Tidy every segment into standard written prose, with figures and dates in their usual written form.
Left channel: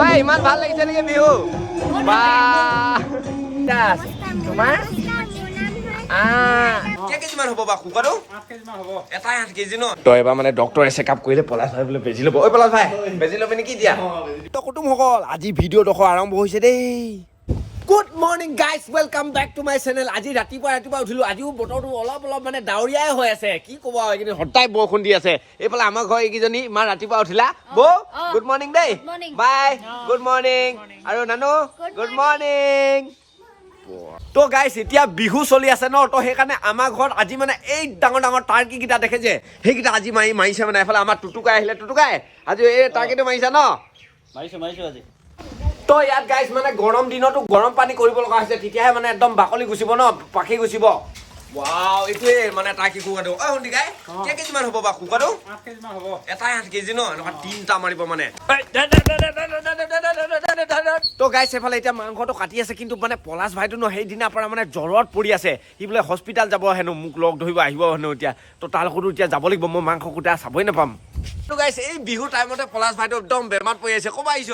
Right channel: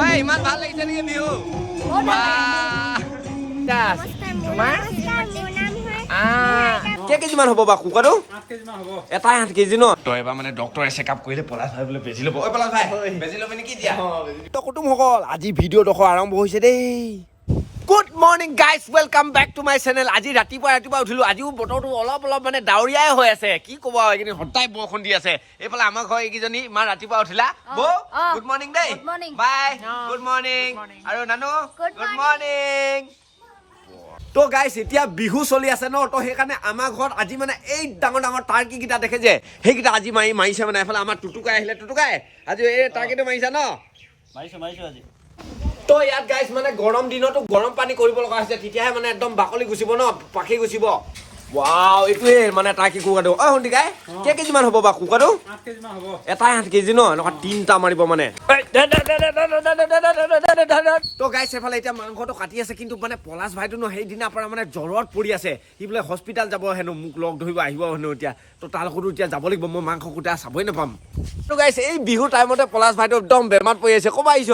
ঐ ইমান ভাল লাগিছে নেকি বিহু বা তোমাৰ কেজিমান হ'ব বা কুকুৰাটো 8 কেজিমান হ'ব এটাই 8 কেজি ন তই এবাৰ মানে ডক্টৰে চেকআপ কৰিলে পলাশ ভাই বোলে বেজি ল'ব ঐ পলাশ ভাই বেজি ল'বি নেকি দিয়া তো কুটুমসকল আজি ভিডিঅ' দেখো আৰম্ভ হৈছে দেই good morning guys welcome back to my channel আজি ৰাতিপুৱা উঠিলো আজিও বতৰটো অলপ মানে ডাৱৰীয়াই হৈ আছে কি ক'ব এইখিনি সদায় বৰষুণ দি আছে এইফালে আমাৰ ঘৰ এইকেইজনী ইমান ৰাতিপুৱা উঠিলা বৌ গুড মৰ্নিং দেই বাই গুড মৰ্নিং আৰু নানু গুড মৰ্নিং তো গাইছ এতিয়া বিহু চলি আছে ন তো সেইকাৰণে আমাৰ ঘৰত আজি মানে এই ডাঙৰ টাৰ্কি কেইটা দেখে যে সেইকেইটা আজি মাৰিছে মানে এফালে আমাৰ টুটুকাই আহিলে টুটুকাই আজি এই টাৰ্কিটো মাৰিছা ন মাৰিছো আজি তো ইয়াত গাইছ মানে গৰম দিনতো গৰম পানী কৰিব লগা হৈছে তেতিয়াহে মানে একদম বাকলি গুচিব ন পাখি গুচিব ৱাও এইটোৱে মানে টাৰ্কি কুকুৰাটো অ শুনিকাই কেজিমান হ'ব বা কুকুৰাটো 8 কেজিমান হ'ব এটাই 8 কেজি ন এনেকুৱা তিনটা মাৰিব মানে তো গাইছ এফালে এতিয়া মাংসটো কাটি আছে কিন্তু মানে পলাশ ভাইটো ন সেইদিনাৰ পৰা মানে জ্বৰত পৰি আছে সি বোলে হস্পিটেল যাব হেনো মোক লগ ধৰিব আহিব হেনো এতিয়া তো তাৰ লগতো এতিয়া যাব লাগিব মই মাংস কুটা চাবই নাপাম তো গাইছ এই বিহু টাইমতে পলাশ ভাইটো একদম বেমাৰত পৰি আছে ক'বা আহিছ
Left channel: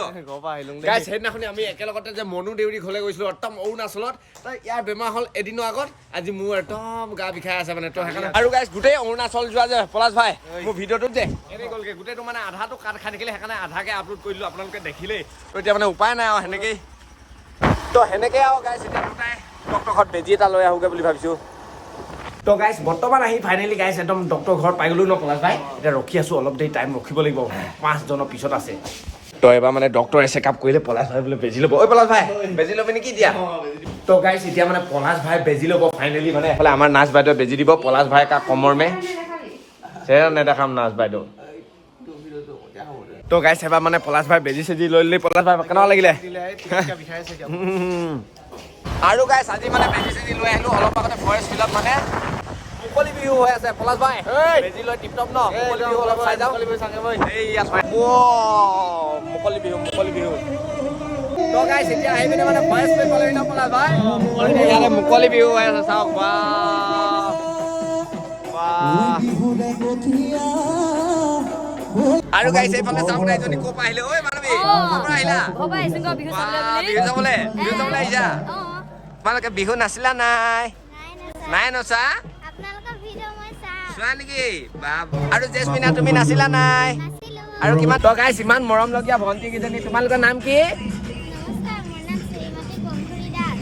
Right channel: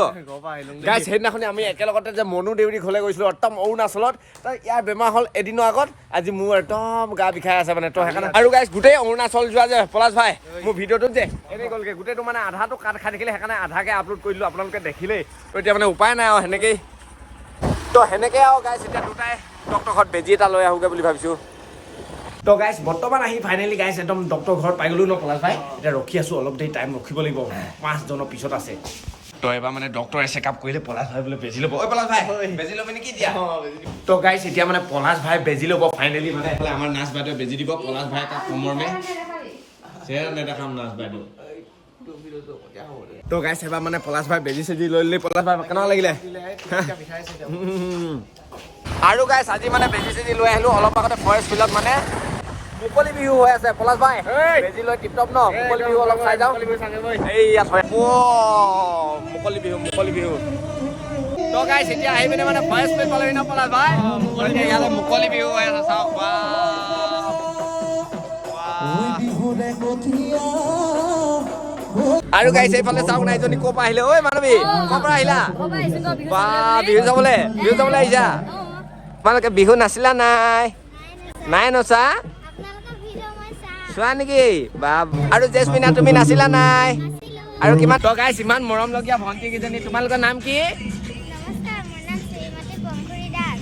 গাইছ সেইদিনাখনি আমি একেলগতে যে মনু দেউৰী ঘৰলৈ গৈছিলোঁ একদম অৰুণাচলত তো ইয়াৰ বেমাৰ হ'ল এদিনৰ আগত আজি মোৰ একদম গা বিষাই আছে মানে তো সেইকাৰণে আৰু গাইছ গোটেই অৰুণাচল যোৱা যে পলাশ ভাই মোৰ ভিডিঅ'টোত যে এনেই গ'লগৈ গোটেইটো মানে আধাটো কাট খাই থাকিলে সেইকাৰণে আধাকে আপলোড কৰি দিলোঁ আপোনালোকে দেখিলেই তো এতিয়া মানে উপায় নাই আৰু সেনেকেই তো সেনেকৈ আৰু গাইছ এতিয়া দুটাই ডক্টৰ ঘৰত বেজি এটা লৈ আহোগৈ বুলি ভাবিছোঁ তো গাইছ বৰ্তমান আহি ফাইনেলি গাইছ একদম ডক্টৰ ঘৰত পাই গ'লো ন পলাশ ভাই এতিয়া ৰখি আছোঁ অলপ দেৰি টাইম ৰখিব লাগিব 5 জনৰ পিছত আছে তো এবাৰ মানে ডক্টৰে চেকআপ কৰিলে পলাশ ভাই বোলে বেজি ল'ব ঐ পলাশ ভাই বেজি ল'বি নেকি দিয়া তো গাইছ এতিয়া মানে পলাশ ভাই বেজি ল'ব ফাইনেলি মানে এফালে আমাৰ নাচ বাইদেউ বেজি দিব পলাশ ভাই কা কমৰ মে চেহেৰা নেদেখাম নাচ বাইদেউ তো গাইছ এবাৰ মানে পলাশ ভাই বেজি চেজি লৈ ল'লি পলাশ ভাই কেনেকুৱা লাগিলে আৰু গাইছ আজি মানে বেজি চেজি লৈ আহিলোঁ অলপ আগতে ফৰেষ্ট ফিল্ডত মানে মুকলি বিহু হৈ আছে পলাশ ভাই বেজি লৈ টিপটপ ন মুকলি বিহু অলপ চাই যাওঁ এই ইয়াত হয় মুকলি বিহু তো গাইছ এতিয়া আহি পিনে মানে ফৰেষ্ট ফিল্ড পালেহি ন পলাশ ভাই ইয়াতে মুকলি বিহু হৈ আছে চাওক আৰু গাইছ এইফালে চাওক না এজনী ক'ৰ পৰা আহিলে ঐ মানৱী ক'ৰ পৰা আহিলা বা বিহু যাবলৈ আহিছা তোমালোকে বিহু নাচিলা নাই নচা চোৱা নেকি বা আৰু জেচমিনা তুমি নাচিলা নাই আৰু কিমান তো গাইছ ইমান মৰম লগীয়া ভণ্টি কেইজনী তোমালোকৰ নাম কি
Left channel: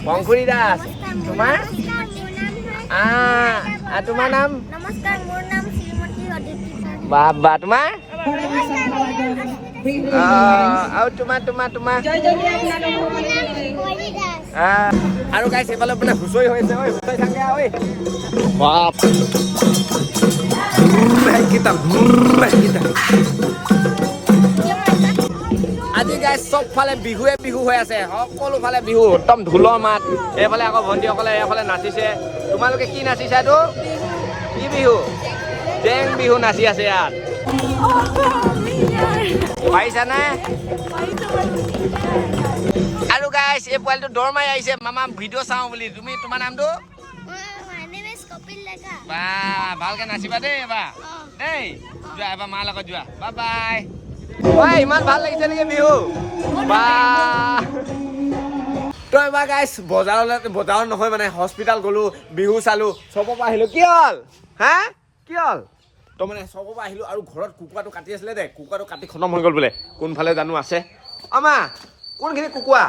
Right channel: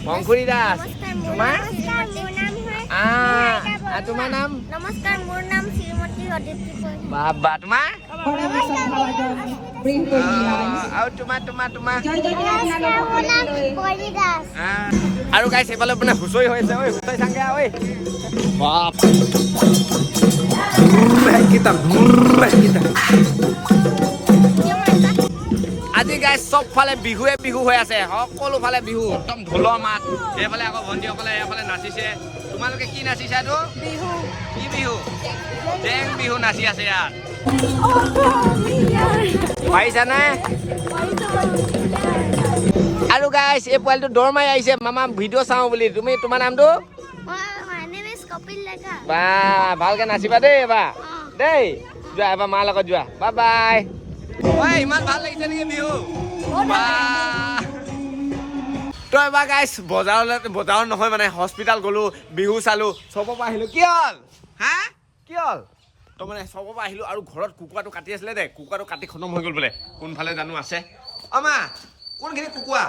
পংখুৰী দাস তোমাৰ তোমাৰ নাম নমস্কাৰ মোৰ নাম শ্ৰীমতী অদিতি বাবা তোমাৰ আৰু তোমাৰ আৰু গাইছ এইফালে মানে হুঁচৰি হৈ আছে ঐ হুঁচৰি চাংগে ঐ বাপ আজি গাইছ চব ফালে বিহুৱে বিহু হৈ আছে সকলো ফালে বিহু একদম ঢোলৰ মাত এইফালে আকৌ ভণ্টিসকলে এইফালে নাচিছে তোমালোকে কি নাচিছা এইটো কি বিহু জেং বিহু নাচি আছে ইয়াত পাৰিছানে আৰু গাইছ এই পোৱালিটো দৌৰ মাৰি আহিছে মামা ভিডিঅ' চাওঁ বুলি তুমি তোমাৰ নামটো বা ভালকে নাচিবা দেই এবাৰ দেই যোৱা এবাৰ মাৰ লগত যোৱা বাই বাই ঐ ইমান ভাল লাগিছে নেকি বিহু বা তো এবাৰ গাইছ বজাৰত নহয় মানে হস্পিটেল গ'লো বিহু চালো চবৰ পৰা আহিলো কি হ'ল কি হ'ল তো মানে চবৰ পৰা আহিলো আৰু ঘৰত কুকুৰাটো কাটি আছিলে দে কুকুৰাটো কাটি খতম হৈ গ'ল বোলে কোনফালে জানো আছে আমা কোনখিনি কুকুৰা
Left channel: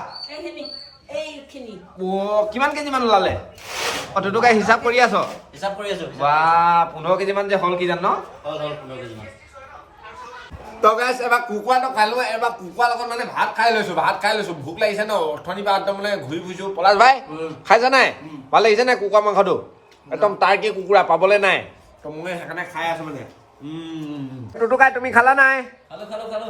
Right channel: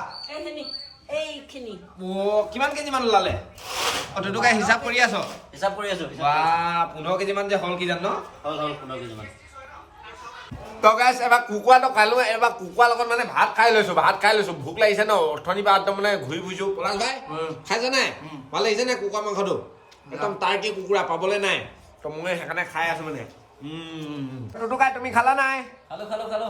কিমান কেজিমান ওলালে টুটুকাই হিচাপ কৰি আছো বা 15 কেজিমান যে হ'ল কি জানো তো গাইছ এবাৰ কুকুৰাটো খালো এবাৰ কুকুৰাৰ লগত মানে ভাত খাই লৈছো ভোক লাগিছে ন অৰ্থনি পৰা একদম মানে ঘূৰি ফুৰিছো পলাশ ভাই খাইছা নাই ভাল লাগিছে নাই কুকুৰা মাংসটো একদম টাৰ্কি কুকুৰা পাবলৈ নাই তো মই সেইকাৰণে খাই আছো মানে টুটুকাই তুমি খালা নাই খালো